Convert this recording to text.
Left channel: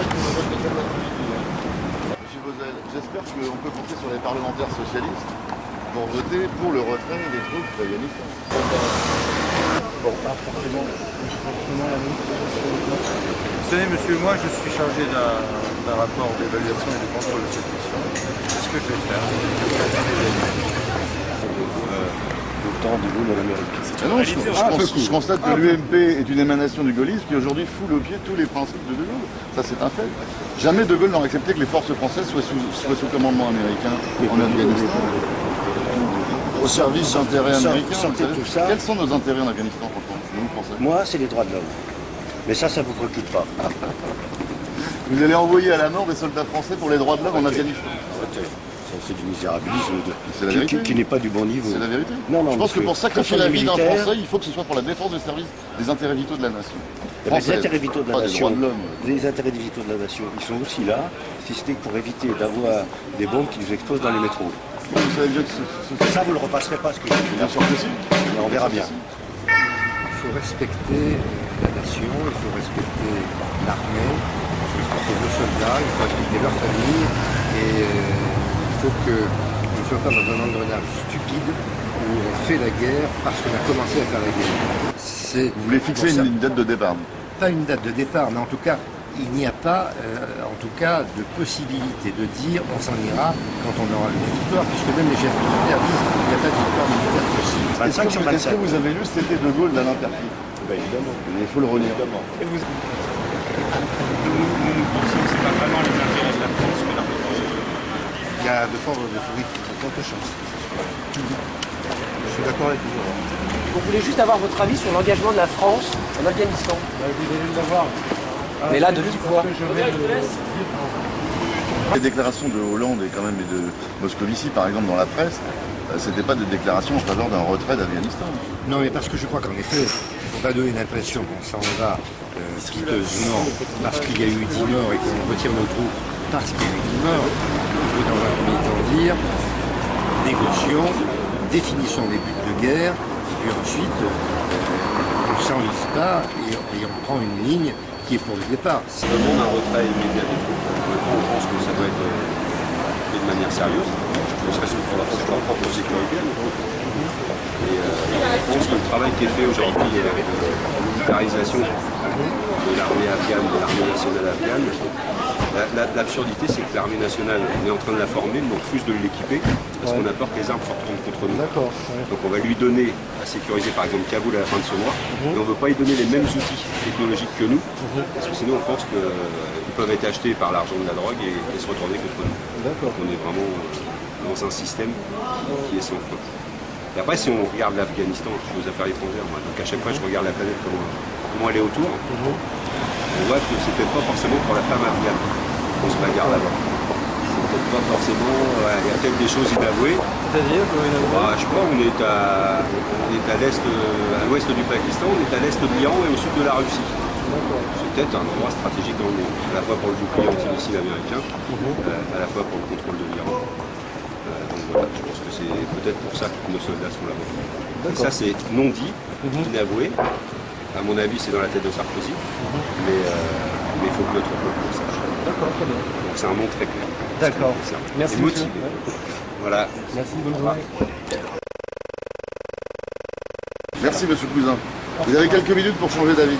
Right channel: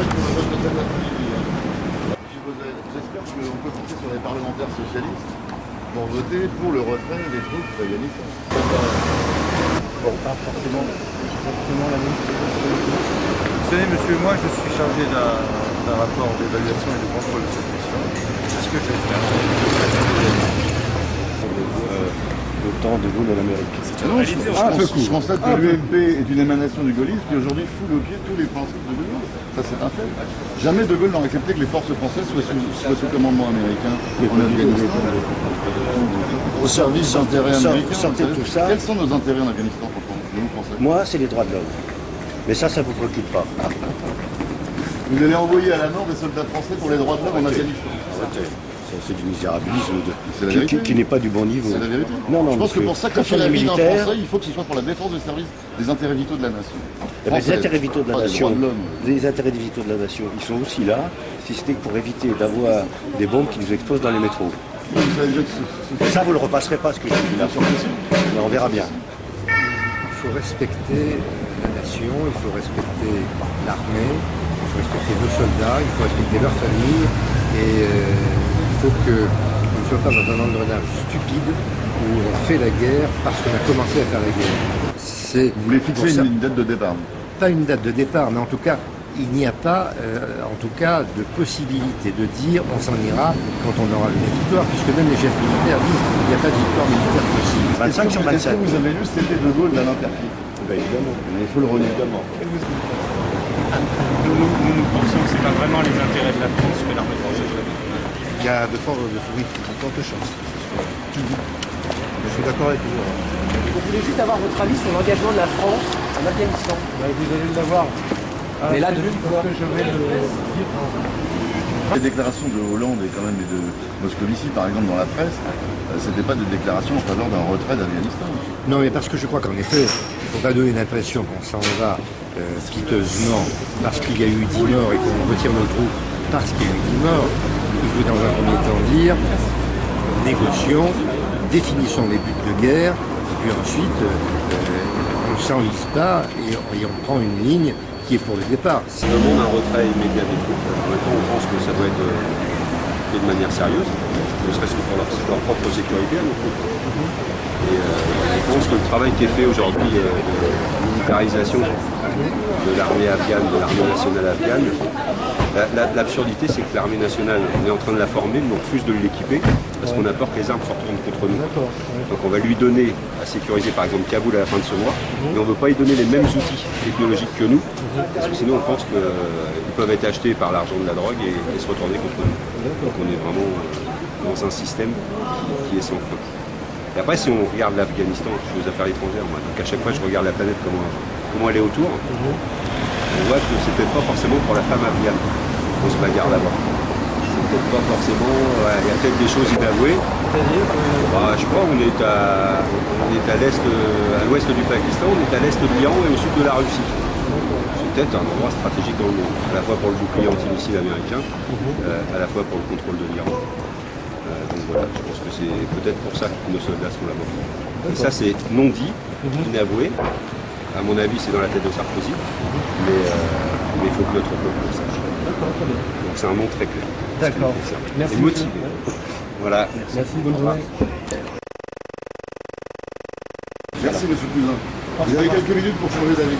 Monsieur Bozell, j'espère qu'on peut compter sur les parlementaires socialistes pour voter pour le retrait des troupes d'Afghanistan. Bon, pas forcément exactement la même chose. Vous savez, monsieur, moi je suis chargé d'un rapport d'évaluation et de contrôle de cette mission. C'est ce que je vais faire. L'OTAN de Gaulle à l'Amérique. Je constate que l'UMP est une émanation du gaullisme qui aujourd'hui foule au pied tous les principes de Gaulle. Ça, c'est un fait. Jamais De Gaulle n'aurait accepté que les forces françaises soient sous commandement américain en Afghanistan. Au service d'intérêts américains. Quels sont nos intérêts en Afghanistan, franchement, nous, Français? Moi, c'est les droits de l'homme. Mais ça vous préoccupe pas. Vous allez envoyer à la mort des soldats français pour les droits de l'homme en Afghanistan. C'est du misérabilisme qui n'est pas du bon niveau. C'est la vérité. Non, je pense que pour sacrifier la vie d'un Français, il faut que ce soit pour la défense des intérêts vitaux de la nation. Les intérêts vitaux de la nation, les intérêts vitaux de la nation, ils sont aussi là, si c'était pour éviter d'avoir des bombes qui nous explosent dans les métros. Vous savez bien que ça, vous ne le repasserez pas, ce que je dis là. Mais on verra bien. Il faut respecter la nation, il faut respecter l'armée, il faut respecter nos soldats, il faut respecter leurs familles et il faut qu'on ne soit pas dans un engrenage stupide où on fait la guerre parce qu'on a commencé à faire la guerre. Vous voulez fixer une date de départ? Pas une date de départ, mais en tout cas, il n'y a pas de possibilité de dire on s'en ira quand on aura une victoire, puisque même les chefs militaires disent qu'il n'y a pas de victoire militaire possible. 25 sur 27. Est-ce que vous avez lu C'était De Gaulle d'Alain Perfit? Évidemment. Il faut le relire. Nous pensons que ce n'est pas vraiment les intérêts de la France que l'armée française. Il y a de fortes chances. Je suis d'accord avec vous. On voulait juste avoir votre avis sur l'engagement de la France en Afghanistan. Vous allez l'avoir. Mais là, depuis quoi? Les déclarations de Hollande et quand même de Moscovici, par exemple, dans la presse, c'était pas de déclaration en faveur d'un retrait d'Afghanistan. Non, mais parce que je crois qu'en effet, il ne faut pas donner l'impression qu'on s'en va piteusement parce qu'il y a eu 10 morts et qu'on retire nos troupes parce qu'il y a eu 10 morts. Il faut dans un premier temps dire, négocions, définissons les buts de guerre, puis ensuite, on ne s'enlise pas et on prend une ligne qui est pour le départ. On demande un retrait immédiat des troupes. Maintenant, on pense que ça doit être fait de manière sérieuse, ne serait-ce que pour leur propre sécurité à nos troupes. Et je pense que le travail qui est fait aujourd'hui de militarisation de l'armée afghane, de l'armée nationale afghane, l'absurdité c'est que l'armée nationale, on est en train de la former, mais on refuse de l'équiper parce qu'on a peur que les armes se retournent contre nous. Donc on va lui donner à sécuriser par exemple Kaboul à la fin de ce mois, mais on ne veut pas lui donner les mêmes outils technologiques que nous, parce que sinon on pense qu'ils peuvent être achetés par l'argent de la drogue et se retourner contre nous. Donc on est vraiment dans un système qui est sans fin. Et après, si on regarde l'Afghanistan, je suis aux affaires étrangères, moi, donc à chaque fois je regarde la planète, comment elle est autour, on voit que c'est peut-être pas forcément pour la femme afghane qu'on se bagarre là-bas. C'est peut-être pas forcément, il y a peut-être des choses inavouées. C'est-à-dire je crois qu'on est à l'est, à l'ouest du Pakistan, on est à l'est de l'Iran et au sud de la Russie. C'est peut-être un endroit stratégique dans le monde, à la fois pour le bouclier antimissile américain, à la fois pour le contrôle de l'Iran. Donc voilà, je pense que c'est peut-être pour ça que nos soldats sont là-bas. Et ça c'est non dit, inavoué. À mon avis c'est dans la tête de Sarkozy, mais il faut que notre peuple le sache. D'accord, très bien. Donc c'est un nom très clair. D'accord. Merci. Et motivé. Voilà. Merci, bonne journée. Merci monsieur Cousin. Vous avez quelques minutes pour changer d'avis.